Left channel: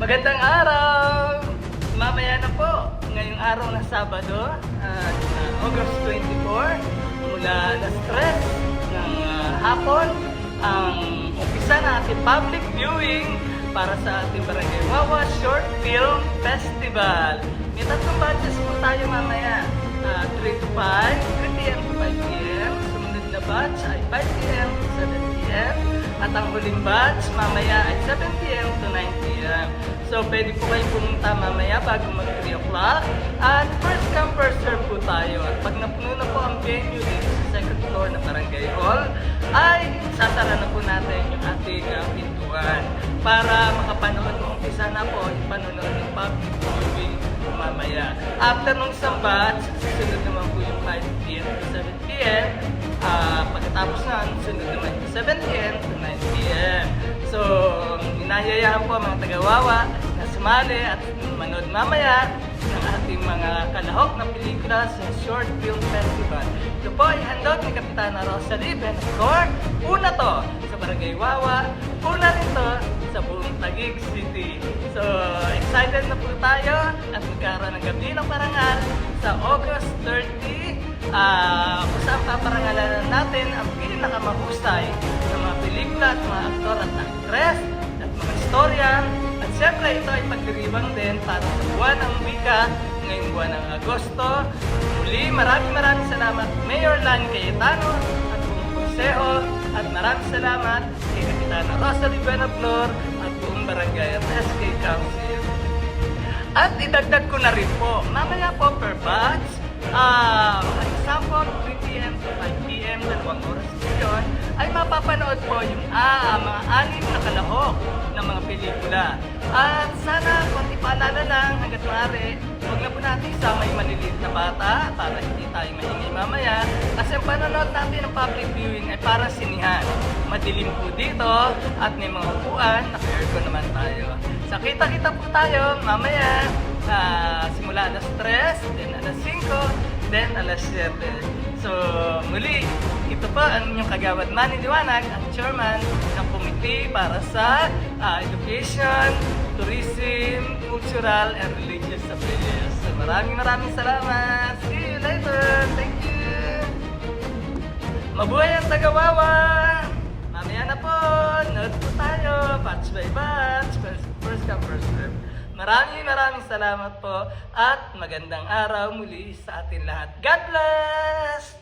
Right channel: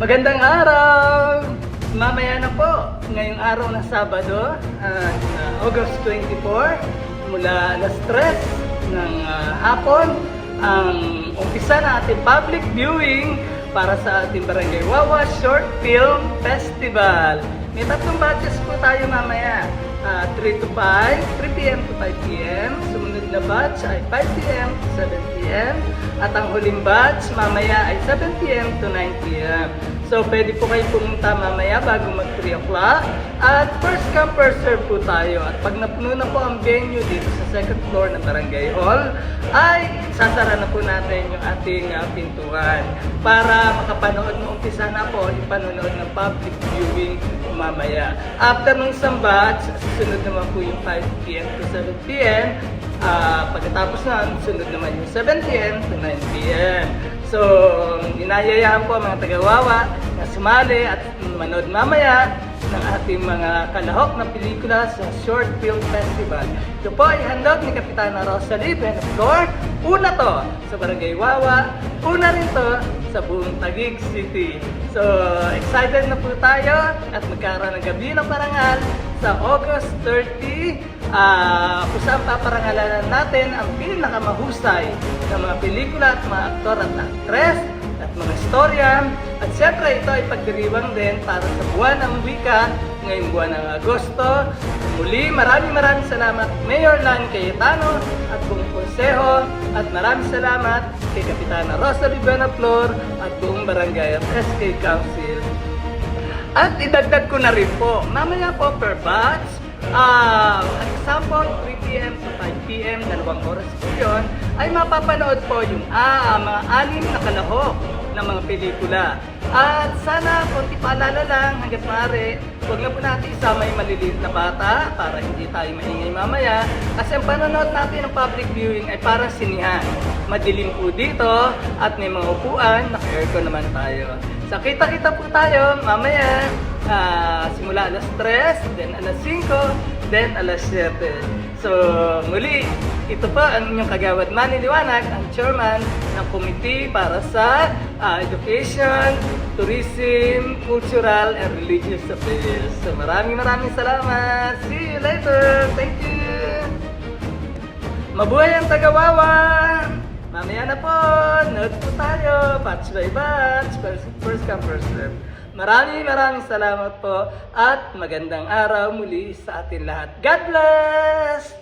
Magandang araw! Mamaya na po, ngayong araw na Sabado, August 24, mula alas 3 ng hapon, ang umpisa ng ating public viewing para sa ating Barangay Wawa Short Film Festival. May tatlong batches po tayo mamaya, 3 to 5, 3 p.m. to 5 p.m. Sumunod na batch ay 5 p.m. to 7 p.m. At ang huling batch mamaya ay 7 p.m. to 9 p.m. So pwede po kayo pumunta mamaya bago mag 3 o'clock. At first come first serve po tayo. At pag napuno na po ang venue dito sa second floor ng Barangay Hall, ay sasara na po natin yung ating pintuan para makapanood mo umpisa na po yung panonood ng public viewing mamaya. After nung isang batch, susunod naman po yung 5 p.m. to 7 p.m. Pagkatapos na, sunod naman yung 7 p.m. to 9 p.m. So, inayayaan po ang mga taga-Wawa na sumali at manood mamaya ng ating mga kalahok na pelikula sa Short Film Festival. Ito po ay handog ni Kapitana Rosalie Beneflor. Una to sa Barangay Wawa, una rin to sa buong Taguig City. So, excited na po tayo at magkaroon ng gabi ng parangal sa August 30. Kung saan paparangalanan natin ang pinakamahusay na mga pelikula at mga aktor at aktres at mga istorya. At syempre ito ay pagdiriwang din para sa buwan ng wika ngayong buwan ng Agosto. Muli maraming salamat Mayor Lan Cayetano at buong konseho at maraming salamat kay Kapitana Rosalie Beneflor at buong barangay at SK Council. At idagdag ko na rin po, mamaya po per batch, example 3 p.m. to 5 p.m. 2 oras po yun, ay mapapanood po yung mga 6 na kalahok ng mga pelikula. At sana konti paalala lang hanggat maaari, huwag na po natin isama yung maliliit na bata para hindi tayo maingay mamaya. Kasi ang panonood natin ng public viewing ay para sinihan. Madilim po dito at may mga upuan, naka-aircon naman tayo. So kita-kita po tayo mamaya, simula alas 3, then alas 5, then alas 7. So muli, ito pa ang inyong kagawad Manny Liwanag, ang chairman ng committee para sa education, tourism, cultural, and religious affairs. So maraming salamat. See you later. Thank you. Mabuhay ang taga-Wawa. Mamaya na po. Nood po tayo. Batch by batch. First come, first serve. Maraming salamat po at magandang araw muli sa atin lahat. God bless!